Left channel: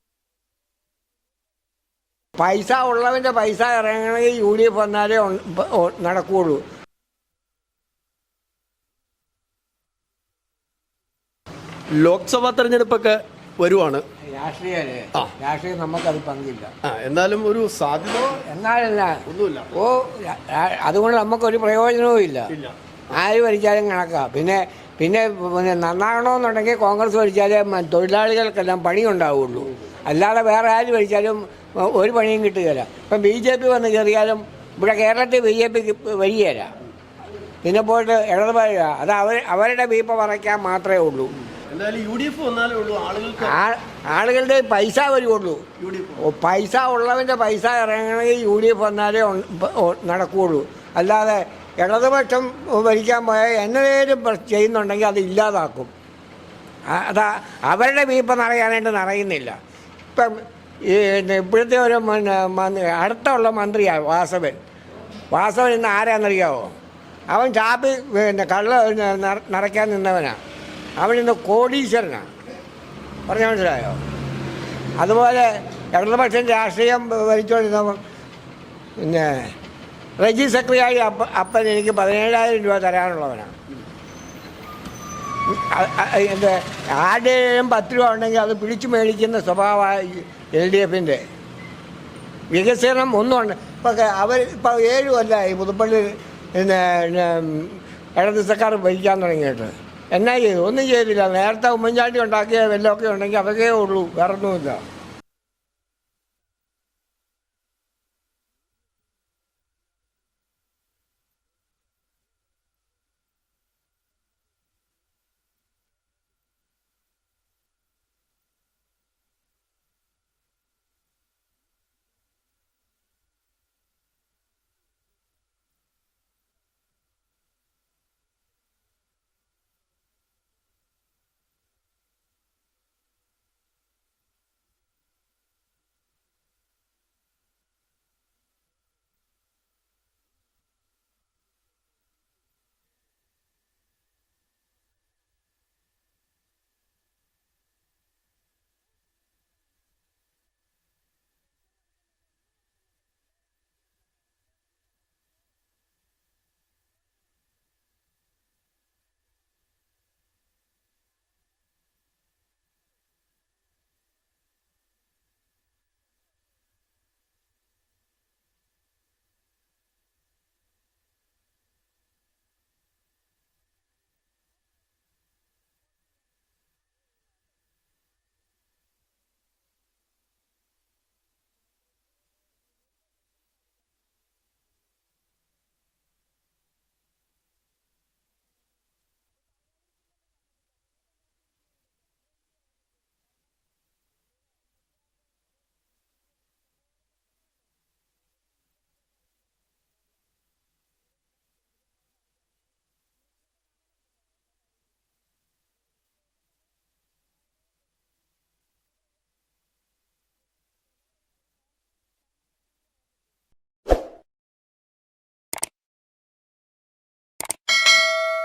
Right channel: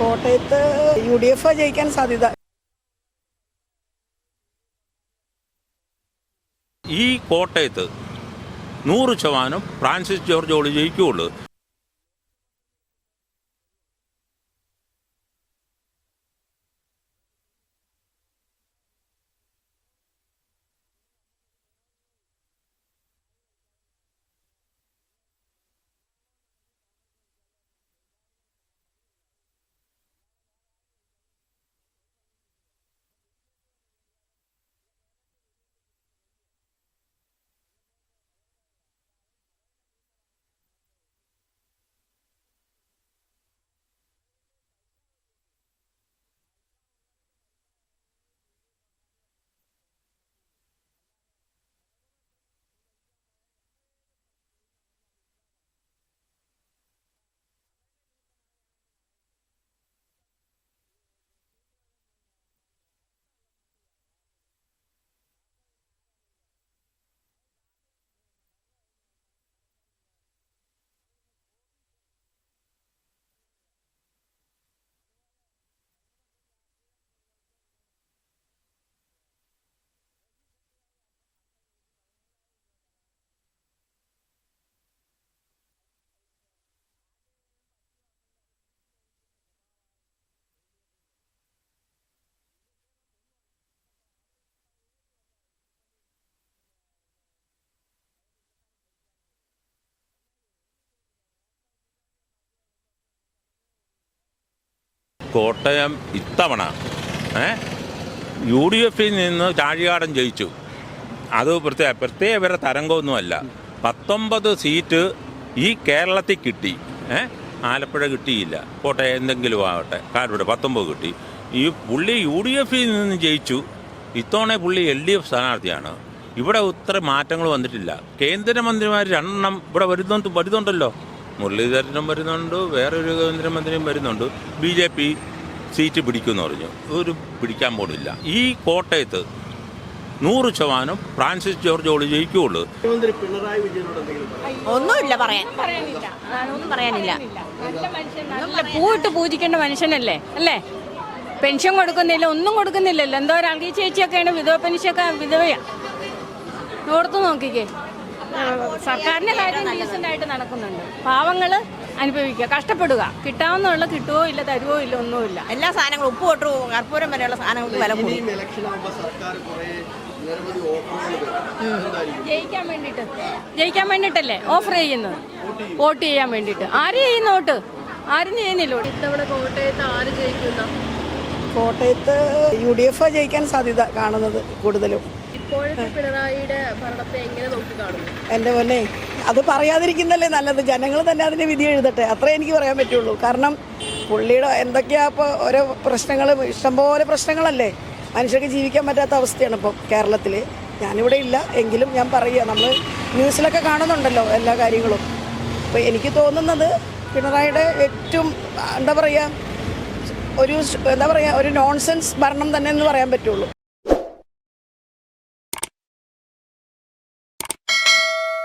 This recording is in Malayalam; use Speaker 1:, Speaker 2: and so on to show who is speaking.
Speaker 1: കോട്ടയത്ത് യു ഡി എഫ് ജയിക്കാൻ സാധ്യത.
Speaker 2: പൈസ ഉള്ളവന്റെ പൈസ ഇറങ്ങണമെങ്കിൽ യു ഡി എഫ് വന്നാലേ നടക്കുകയുള്ളൂ
Speaker 3: ഈ കോട്ടയത്ത് നൂറ് ശതമാനം ഫ്രാൻസിസ് ജോർജ് ഓളി ജയിക്കുകയുള്ളൂ
Speaker 4: ലോക്സഭാ തെരഞ്ഞെടുപ്പൊക്കെ വരുവാണ്.
Speaker 2: രാഷ്ട്രീയല്ലേ? രാഷ്ട്രീയം നമുക്കത് പങ്കില്ല.
Speaker 4: എന്നാലും ഒരു സാധ്യത
Speaker 2: എന്നാലല്ല
Speaker 4: ഒന്നുമില്ല.
Speaker 2: ഓ അതുകൊണ്ട് നമുക്കൊരു പ്രയോജനവും ഇല്ല. ആര് ഭരിച്ചാലും കണക്കാ. പിന്നെ പിന്നെ പിന്നെ നന്നാകണമെന്നുണ്ടെങ്കിൽ കോൺഗ്രസ് ഭരിച്ചാലേ തൊഴിലാളികൾക്കെല്ലാം പണി ഉണ്ടാവുള്ളൂ അല്ലാതെ വേറെ ആര് ഭരിച്ചാലും ഒരു പണിയും കിട്ടുകയില്ല. ഇപ്പം ബി ജെ പി വന്ന് കയറിയാലും ഇവിടെ കേരളത്തിൽ ബി ജെ പിക്ക് വരികയില്ല. പിന്നെ പോയിട്ട് ഇടതുപായ അത് അവർ അവരുടെ വീപ്പ പറയ്ക്കാൻ മാത്രമേ ഉള്ളൂ. ആളുകളുടെ പൈസ ഓ, പൈസ ഉള്ളവന്റെ പൈസ ഇറങ്ങണമെങ്കിൽ യു ഡി എഫ് വന്നാലേ നടക്കുകയുള്ളൂ അല്ലാതെ ഇടതുപക്ഷം ഭരിക്കാൻ പോയാൽ എന്നതേലും ചെയ്യുന്നുണ്ടെങ്കിൽ അത് ഇല്ലാതാക്കും. അത് അവരുടെ വീപ്പ് നിറയാനായിട്ട് നിറയുന്നില്ല. ഇപ്പം ഈ ഇപ്പോഴത്തെ ഒരു അടുത്തുള്ള മന്ത്രിയാണ് വാസവൻ. വാസവൻ ഇന്ന് ആരാന്നറിയാവോ? അവൻ ചാപ്പി പിന്നെ കള്ള നിറ- നിറയ്ക്കാൻ നിന്നവനാണ് അവൻ ഇന്ന് കോടീശ്വരനാണ് പറഞ്ഞ മനസ്സിലായോ? അതുപോലെ ഇടതുപക്ഷം രാഷ്ട്രീയം ഭരിച്ചുകൊണ്ടിരുന്നവൻ പിന്നെ റെജി സെക്രട്ടറി അപ്പ അപ്പൻ എനിക്ക് പതിനേഴായിരം രൂപ തരാനുള്ളവനാണ്. എന്ത് ആരുടെയും പത്ത് രൂപ ഉണ്ടെങ്കിൽ അത് പിടിച്ചു മേടിക്കുന്ന സ്വഭാവമായി എൽ ഡി എഫിന്റെ. വികസനം ഒന്നുമുണ്ട് ഇപ്പം അവർ ഇപ്പം ഏഴ് കൊല്ലമായി പുതുപ്പള്ളി പിന്നെ സർക്കാർ ഭരിക്കാൻ തുടങ്ങിയിട്ട്. എന്നാ ചെയ്തു? ഒന്നും ചെയ്തില്ല. നേരത്തെ ഉമ്മൻചാണ്ടി ഉണ്ടാക്കിയ വല്ലതൊക്കെ ഉണ്ടെങ്കിൽ അതൊക്കെ ഉള്ളൂ. വേറൊന്നുമില്ല.
Speaker 3: കോട്ടയം ഇത്തവണ ഏ? യു ഡി എഫിൽ നിന്ന് ചാഴികാടൻ ജയിച്ചു. അത് പ്രത്യേക പ്രത്യേക ഇവരുടെ തരംഗമൊന്നുമല്ല. പത്തൊമ്പത് സീറ്റ് ഈ കേരളത്തിൽ കിട്ടി. ഏ? ആലപ്പുഴ കിട്ടിയില്ല. പോട്ടെ എന്തെങ്കിലും ആവട്ടെ. കാരുടെ പത്തൊമ്പത് കിട്ടി. ഈ പുള്ളി യു ഡി എഫിൽ നിന്ന് ജയിച്ചു. ഇത്തവണ പുള്ളി എൽ ഡി എഫ് സ്ഥാനാർത്ഥിയാണ്. ഇവിടെ ഇത്ര മാറ്റങ്ങൾ വന്നിട്ടില്ല. കേന്ദ്രമന്ത്രിമാർ രണ്ടെണ്ണം ഇവിടെ വരുന്നുണ്ട് വരുന്നുണ്ടല്ലോ. മുരളീധരനും വരുന്നുണ്ട് വേറൊരു കേന്ദ്രമന്ത്രിയും വരുന്നുണ്ട്. ബി ജെ പി സീറ്റ് പിടിക്കുമെന്ന് പറഞ്ഞു. ഒരു പിടിക്കാൻ പോണില്ല. ഈ കോട്ടയത്ത് നൂറ് ശതമാനം ഫ്രാൻസിസ് ജോർജ് ഓളി ജയിക്കുള്ളൂ.
Speaker 4: മുഖ്യമന്ത്രി പിണറായി വിജയനോട് എന്തെങ്കിലും പറയാം
Speaker 5: ഒന്നുമില്ല പറയാൻ. ഒന്നും പറയാനില്ല.
Speaker 6: പൂവിട്ട് പൂജിക്കേണ്ട മനുഷ്യനല്ലേ? അല്ലേ? പെൻഷൻ കൊടുക്കുന്നില്ല ഒന്നും കൊടുക്കുന്നില്ലല്ലോ. എന്തോ ഒരാൾക്ക് ചേച്ചിയൊക്കെയാണ് വിധവ പെൻഷനൊക്കെ വിധവയാ. ഓർത്ത് നോക്കിക്കേ. സർക്കാരിന്റെ കാര്യം ഡീസന്റായിട്ട് നടക്കുന്നുണ്ട്. പാവങ്ങൾ അനുഭവിക്കുക കഷ്ടപ്പെടുക. കിട്ടാവുന്നുള്ള കിട്ടുവോ ഇല്ല തരുവോ ഇല്ല ഒന്നുമില്ല.
Speaker 5: എല്ലാ സാധനങ്ങളും ഉപ്പ് തൊട്ട് കർപ്പൂരം വരെയുള്ള സാധനങ്ങൾക്ക് വില കൂടി.
Speaker 4: ഇലക്ഷൻ ആകുമ്പോൾ സർക്കാർ കുറേ നിരവധി ഓഫറുകൾ തരും
Speaker 6: ജയിക്കാൻ വേണ്ടിയിട്ട് ജയിക്കാൻ വേണ്ടിയിട്ടല്ലേ ഓഫർ ചെയ്യുന്നത്. വോട്ട് ചെയ്യാൻ വേണ്ടിയിട്ട് ആര് ചെയ്യുന്ന വോട്ട്? ആരും ചെയ്യുന്നില്ല ഇത്തവണ കോട്ടയത്ത് ആര് ജയിക്കുന്ന?
Speaker 1: കോട്ടയത്ത് യു ഡി എഫ് ജയിക്കാൻ സാധ്യത കാണുന്നത് കൂടുതലും. എന്റെ പൊന്നെ അത് പറയാതിരിക്കുന്നല്ലേ നല്ലത്. ജനങ്ങൾ തന്നെ അതിന് വിധി എഴുതട്ടെ. അത്രേ എനിക്ക് പറയാൻ പറ്റുള്ളൂ. കാരണം പുള്ളിയുടെ എന്തൊക്കെയാ ഇപ്പോൾ ഓരോ പ്രശ്നങ്ങൾ ഇഷ്ടംപോലെ പ്രശ്നങ്ങളല്ലേ? മനുഷ്യർക്ക് ജീവിക്കാൻ പറ്റാത്ത അവസ്ഥയാണ് ഇപ്പൊ കേരളത്തിൽ ഞാനിവിടെ ഇല്ല എങ്കിലും ഞാൻ പറയുക. നമ്മൾ ന്യൂസിലൊക്കെ കാണുന്നുണ്ടല്ലോ എല്ലാ കാര്യങ്ങളും. അപ്പോൾ എനിക്ക് തോന്നുന്നത് പിണറായിയുടെ ഏറ്റവും എന്താ പറയുക ഒരു എന്താ പറയുക ഒരു നോൺസെൻസ് ഭരണം തന്നെ എന്ന് പറയാൻ പറ്റുള്ളൂ.